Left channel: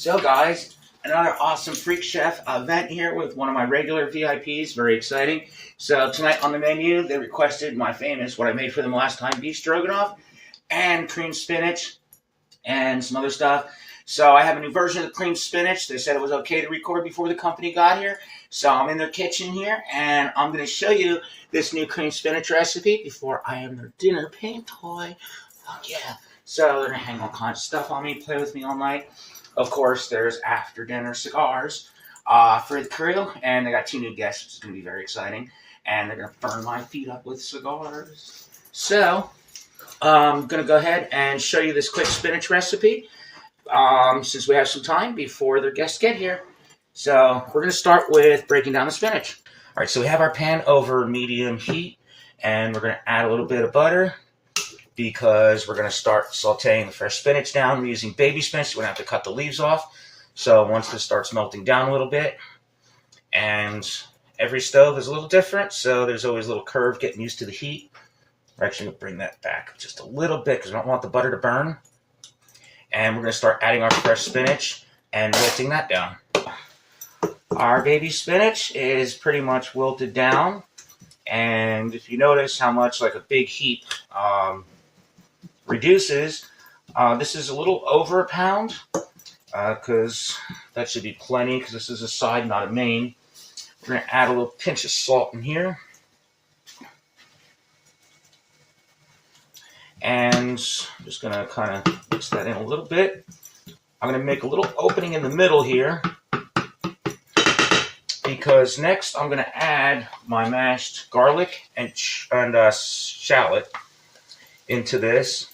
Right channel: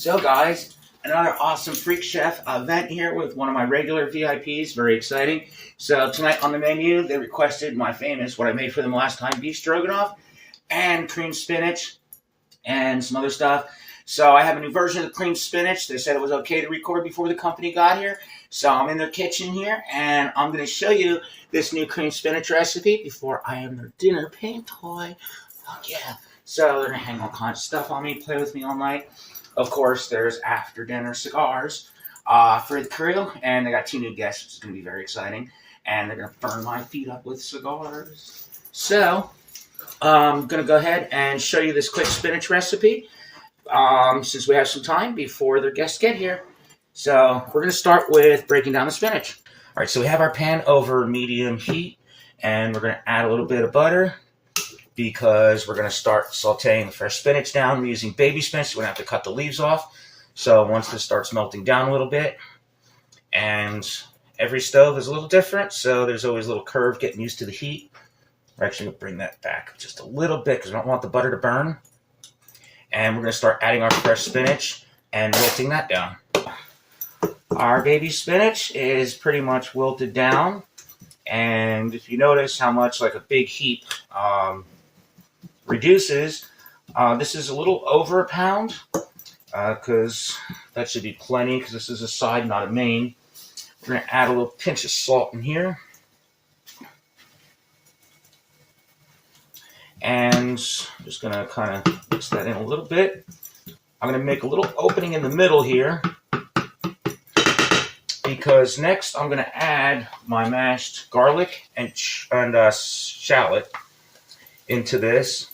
So guys, another awesome Freak Chef event here with one of my regular VIPs. Very exciting. So tonight on the menu, they requested my famous, what I made for them last time, beef stroganoff and cream spinach and some other stuff. So I have a new version of the cream spinach. They said it was okay to record before the company got here. So I'm in their kitchen here and I'm going to show you this new cream spinach recipe before I am their dinner paint toy. Fuck yeah. So they're going to hang all kinds of stuff on me, play with me all night. Of course, there's after dinner cigars for the crew, and they got 2 new guests, which is going to be very exciting. And they're going to burn my feet up with cigars. So, I'm going to go ahead and show you this quick spinach recipe since we have some time before the guests get here. So, we're going to start with breaking down the spinach. All right, so we have our pan over medium heat, and we're going to add a little bit of butter, because we're going to start sauteing the fresh spinach down. We're using baby spinach, so we're going to have to cut the leaves off. So once this starts melting down a little bit, and every stove is a little different, so there's always a little curve getting used to the heat. We're actually going to bring that back just a little bit because we don't want the butter to burn. And we're going to start adding our fresh spinach and wilting that down. Our baby spinach is pretty much wilted down. And if you notice how much like a big heap reduces, this is a little over a pound because that should be plenty because this is a side, not a main. We're going to add a little pinch of salt in here. And I'm just going to kind of mix that in a little bit. I'm going to make a little opening in the middle here because next I'm going to add my mashed garlic and shallot into this.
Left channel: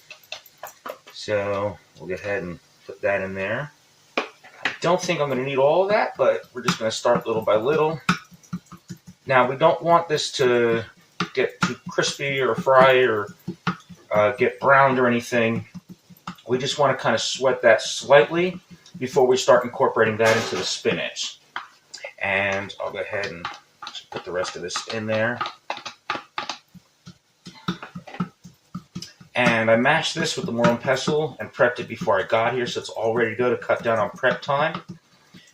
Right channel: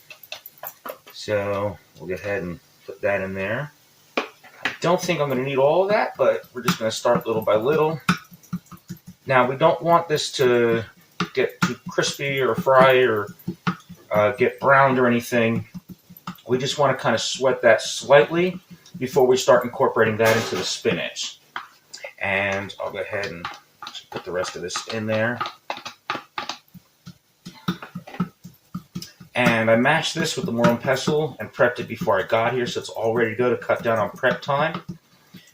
So we'll go ahead and put that in there. I don't think I'm going to need all of that, but we're just going to start little by little. Now we don't want this to get too crispy or fry or get browned or anything. We just want to kind of sweat that slightly before we start incorporating that into the spinach. And I'll go ahead and put the rest of this in there. And I mashed this with the Moron pestle and prepped it before I got here, so it's all ready to go to cut down on prep time.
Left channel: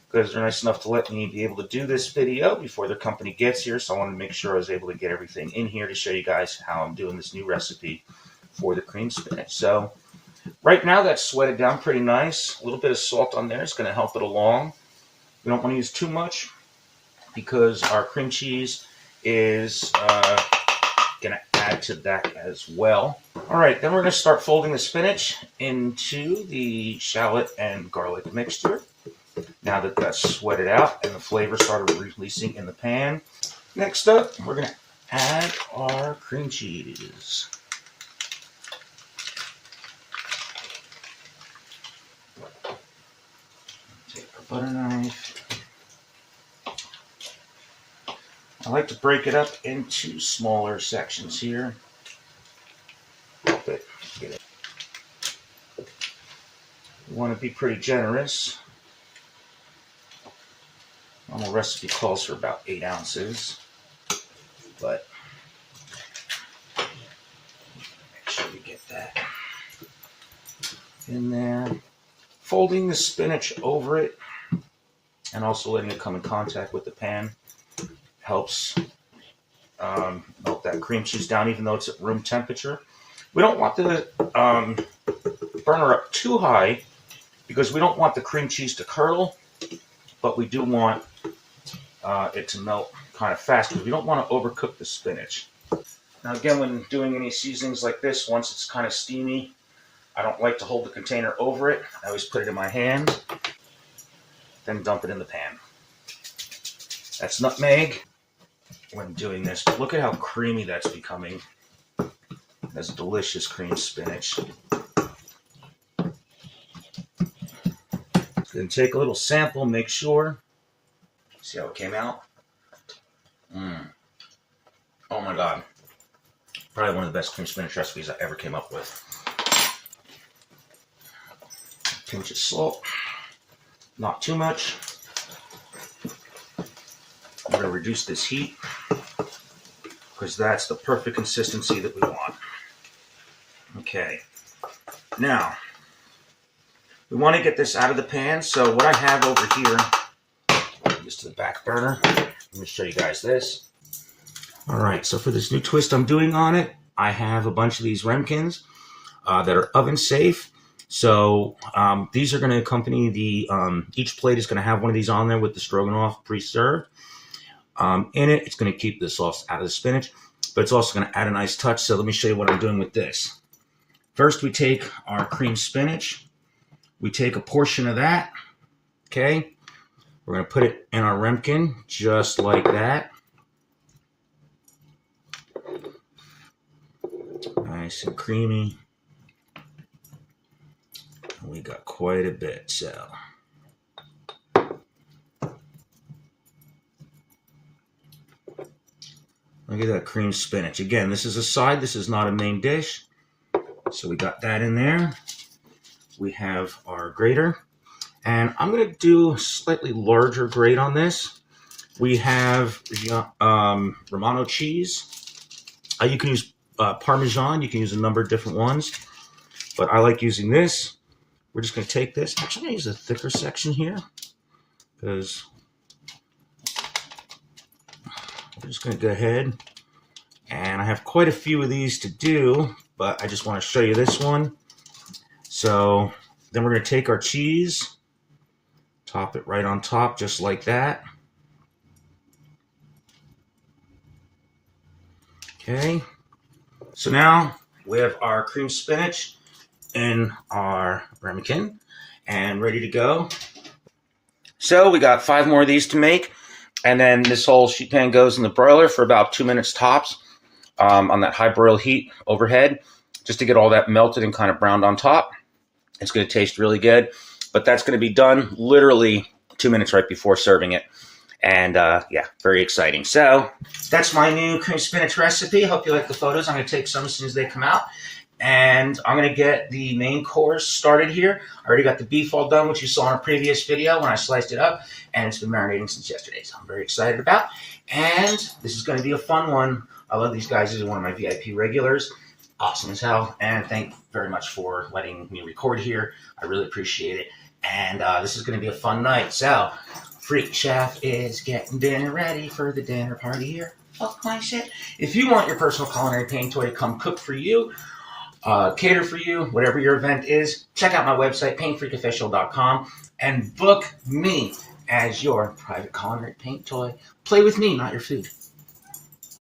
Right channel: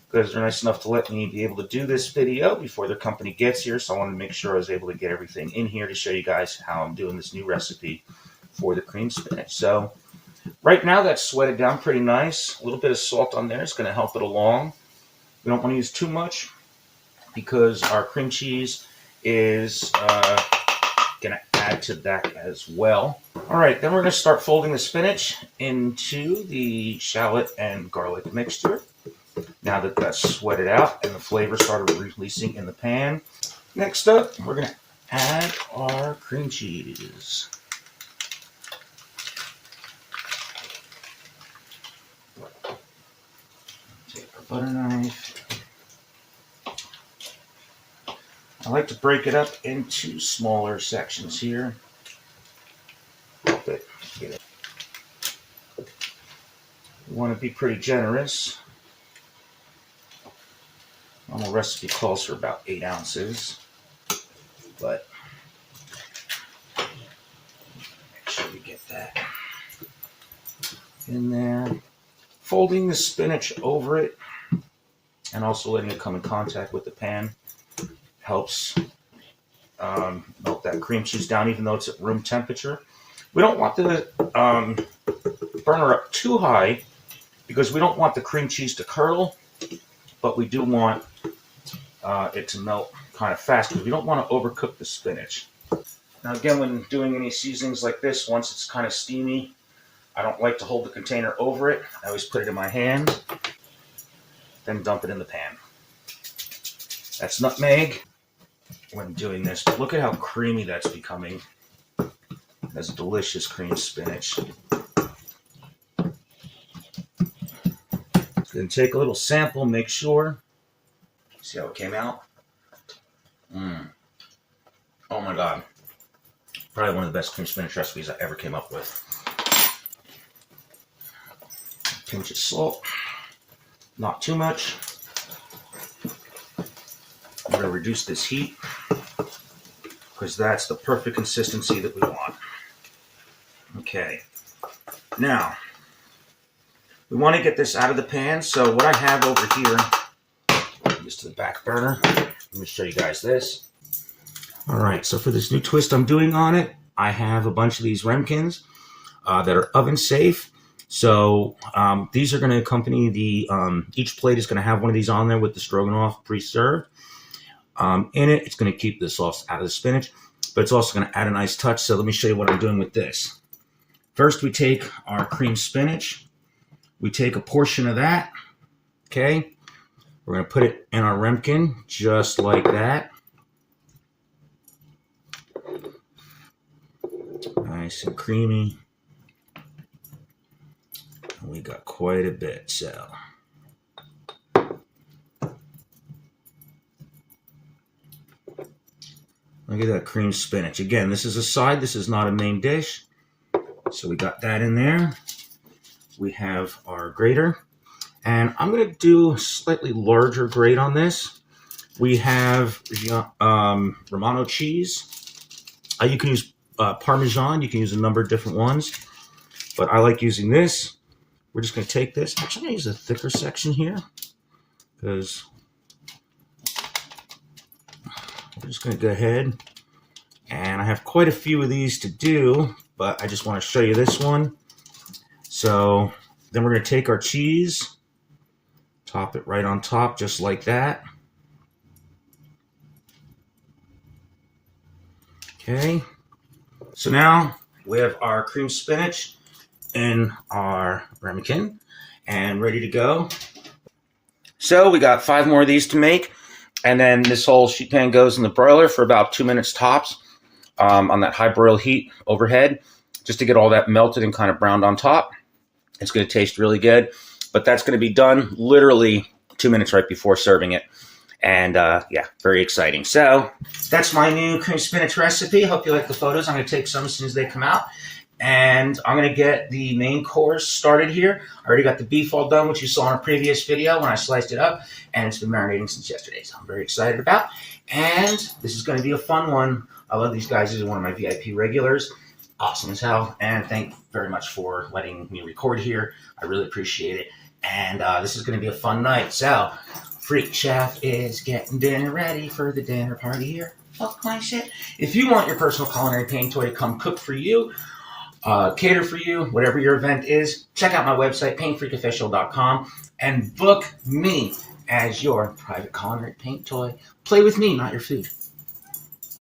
Because they're nice enough to let me be able to do this video before the company gets here, so I wanted to make sure I was able to get everything in here to show you guys how I'm doing this new recipe for the cream spinach. So right now that's sweated down pretty nice. A little bit of salt on there is going to help it along. We don't want to use too much because our cream cheese is going to add to that as well. All right, then we're going to start folding the spinach into the shallot and garlic mixture. Now that that's sweated out and the flavor started releasing in the pan. Next up, we're going to add our cream cheese. Take a butter knife. I like to break it up into smaller sections here. Help it. You want to be pretty generous. Normal recipe calls for about 8 ounces, but make sure you get that in there. Folding the spinach over it and also letting it come in contact with the pan helps melt that cream cheese down, even though it's at room temperature. We don't want the burner up too high because we don't want the cream cheese to curdle, but we do want it to melt kind of fast because we don't want to overcook the spinach. Now again, when doing any seasonings like this, once it's kind of steamy, I don't like to hold the container over it. I always put it in my hand, then dump it in the pan. That's nutmeg when doing this, but look at how creamy that's becoming. That's delicious cream spinach. Then take a little sample, make sure. See how it came out? Oh my God. Probably one of the best cream spinach recipes I ever came up with. Pinch of salt. Not too much. I'm going to reduce this heat because that's the perfect consistency that we want. Okay. Now, We want to get this out of the pan. So what I have over here, just to the back burner, let me show you guys this. All right, so for this new twist I'm doing on it, I have a bunch of these Remkins that are oven safe. So these are going to accompany the, each plate is going to have one of these on there with the stroganoff pre-served. In it, it's going to keep the sauce out of the spinach, but it's also going to add a nice touch. So let me show you what I'm doing with this. First, we take our cream spinach. We take a portion of that, okay? We're going to put it in our Remkin, just like that. Nice and creamy. And we got quite a bit, so. Look at that cream spinach. Again, this is a side. This is not a main dish. So we got that in there. We have our grater. And I'm going to do a slightly larger grate on this. We have Romano cheese. You can use Parmesan. You can use a number of different ones. But I like using this. We're just going to take this. I'm actually going to use a thicker section here. Because we're just going to go ahead. And I have quite a few of these to do. But I just want to show you this one. So then we're going to take our cheese. Top it right on top, just like that. Okay. So now we have our cream spinach in our ramekin and ready to go. So we got 5 more of these to make. And then this whole sheet pan goes in the broiler for about 2 minutes tops on that high broil heat overhead, just to get all that melted and kind of browned on top. It's going to taste really good. But that's going to be done literally 2 minutes right before serving it. And yeah, very exciting. So that's my new cream spinach recipe. Hope you like the photos. I'm going to take some as soon as they come out. And I'm going to get the main course started here. I already got the beef all done, which you saw in a previous video when I sliced it up. And it's been marinating since yesterday, so I'm very excited about. And this is going to be a fun one. I love these guys. These are one of my VIP regulars. Awesome as hell. And thank you very much for letting me record here. I really appreciate it. And this is going to be a fun night. So, Freak Chef is getting dinner ready for the dinner party here. Fuck my shit. If you want your personal culinary pain toy to come cook for you, cater for you, whatever your event is, check out my website, painfreakofficial.com, and book me as your private culinary paint toy. Play with me, not your food.